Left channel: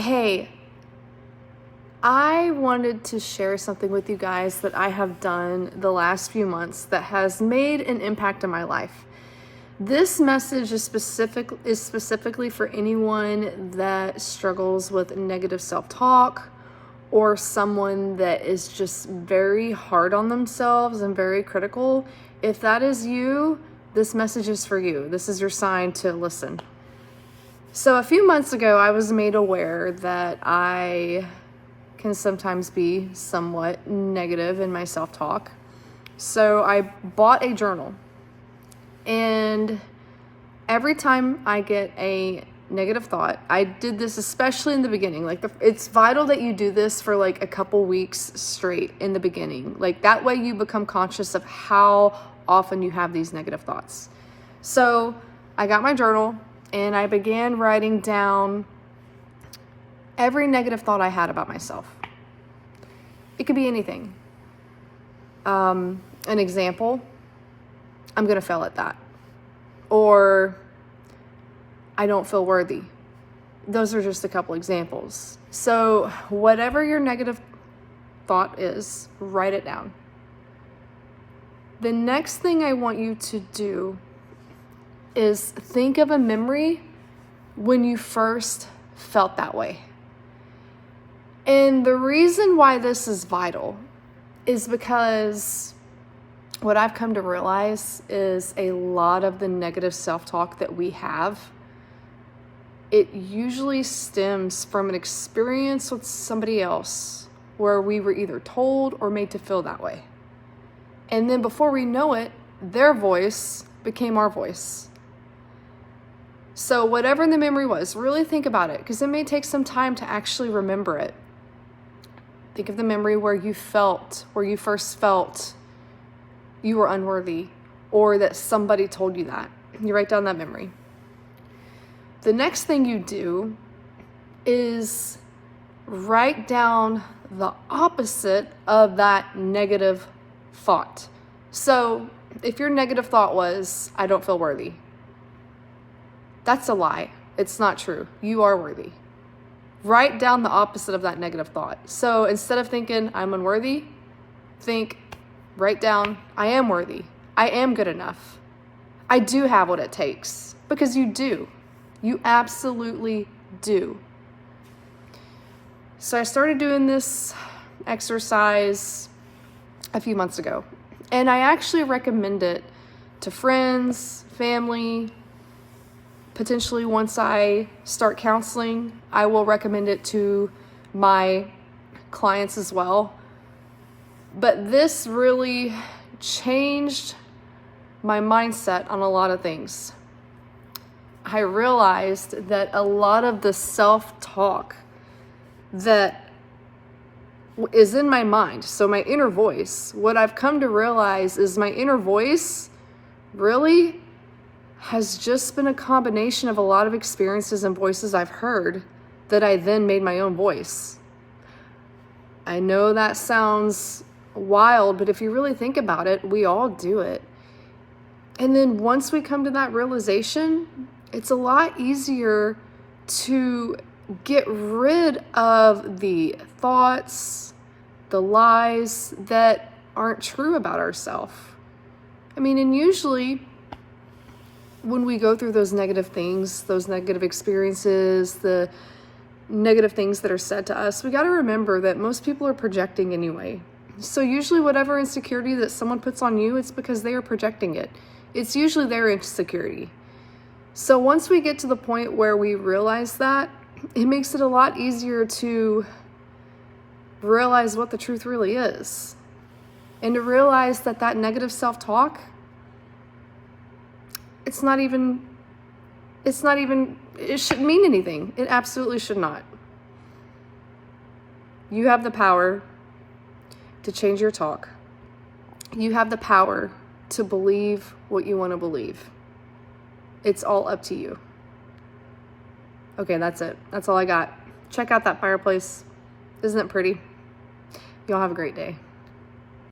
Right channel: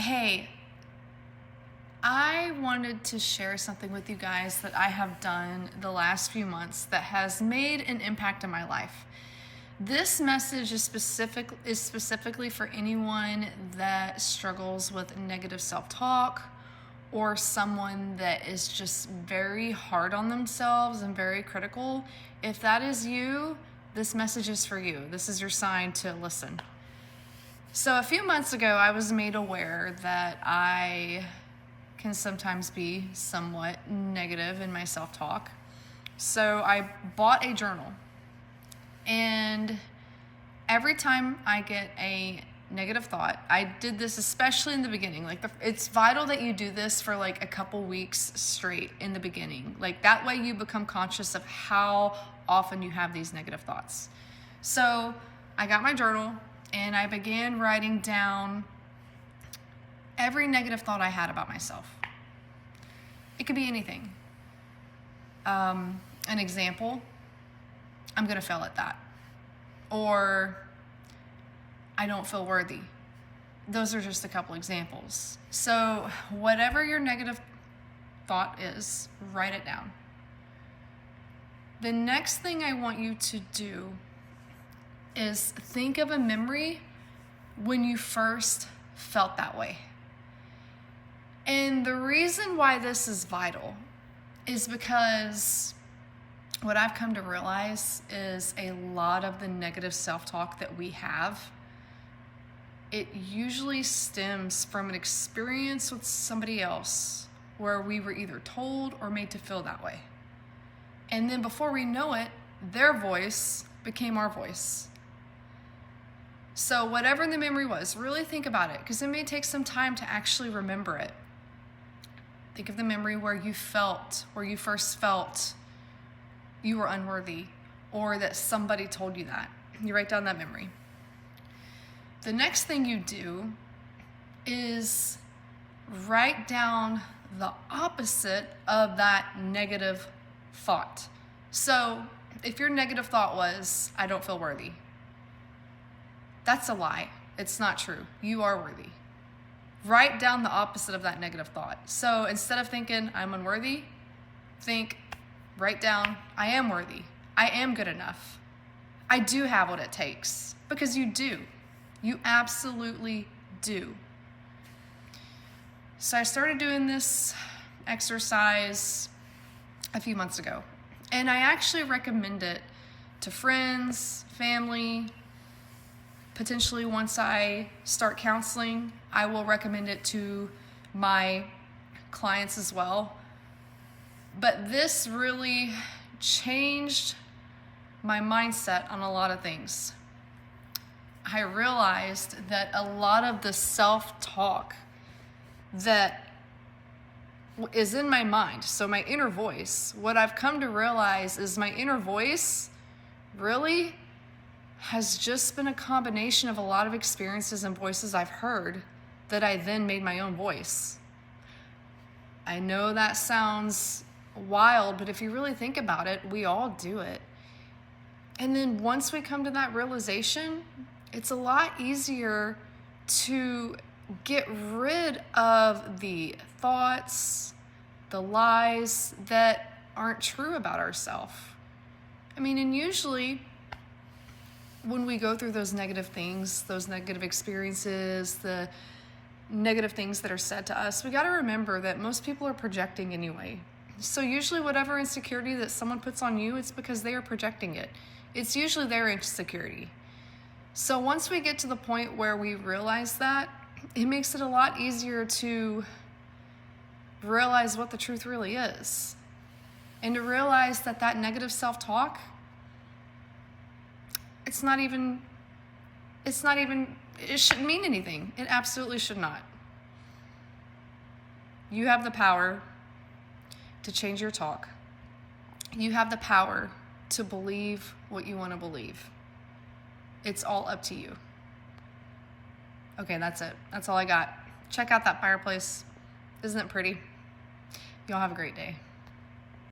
Hey, I wanted to share something with you guys that I have done the last few months that has made an impact on my life. This message is specifically for anyone that struggles with negative self-talk or someone that is just very hard on themselves and very critical. If that is you, this message is for you. This is your sign to listen. So a few months ago, I was made aware that I can sometimes be somewhat negative in my self-talk. So I bought a journal, and every time I get a negative thought, I did this especially in the beginning. It's vital that you do this for like a couple weeks straight in the beginning. Like that way you become conscious of how often you have these negative thoughts. So I got my journal and I began writing down every negative thought I had about myself. It could be anything. An example, I'm gonna fail at that. Or I don't feel worthy. Those are just a couple examples. So whatever your negative thought is, write it down. The next thing I want you to do is think of a memory when you first felt that way. And the reason why this is vital is because what I've come to realize is a lot of the negative self-talk that we have, it usually stems from an experience with somebody else where we were either told or made to feel that way. And then before we know it, their voice became our voice. So whatever the memory was, really think about it, because it may take some time to actually remember it. Think of the memory where you first felt you were unworthy, or that somebody told you that. You write down that memory. The next thing you do is write down the opposite of that negative thought. So if your negative thought was, I don't feel worthy, that's a lie. It's not true. You are worthy. Write down the opposite of that negative thought. So instead of thinking I'm unworthy, write down I am worthy. I am good enough. I do have what it takes. Because you do. You absolutely do. So I started doing this exercise a few months ago. And I actually recommend it to friends, family. Potentially once I start counseling, I will recommend it to my clients as well. But this really changed my mindset on a lot of things. I realized that a lot of the self-talk that is in my mind, so my inner voice, what I've come to realize is my inner voice really has just been a combination of a lot of experiences and voices I've heard that I then made my own voice. I know that sounds wild, but if you really think about it, we all do it. And then once we come to that realization, it's a lot easier to get rid of the thoughts, the lies that aren't true about ourselves. I mean, and usually when we go through those negative things, those negative experiences, the negative things that are said to us, we got to remember that most people are projecting anyway. So usually whatever insecurity that someone puts on you, it's because they are projecting it. It's usually their insecurity. So once we get to the point where we realize that, it makes it a lot easier to realize what the truth really is. And to realize that that negative self-talk, it shouldn't mean anything. It absolutely should not. You have the power to change your talk. You have the power to believe what you want to believe. It's all up to you. Okay, that's it. That's all I got. Check out that fireplace. Isn't it pretty? Y'all have a great day.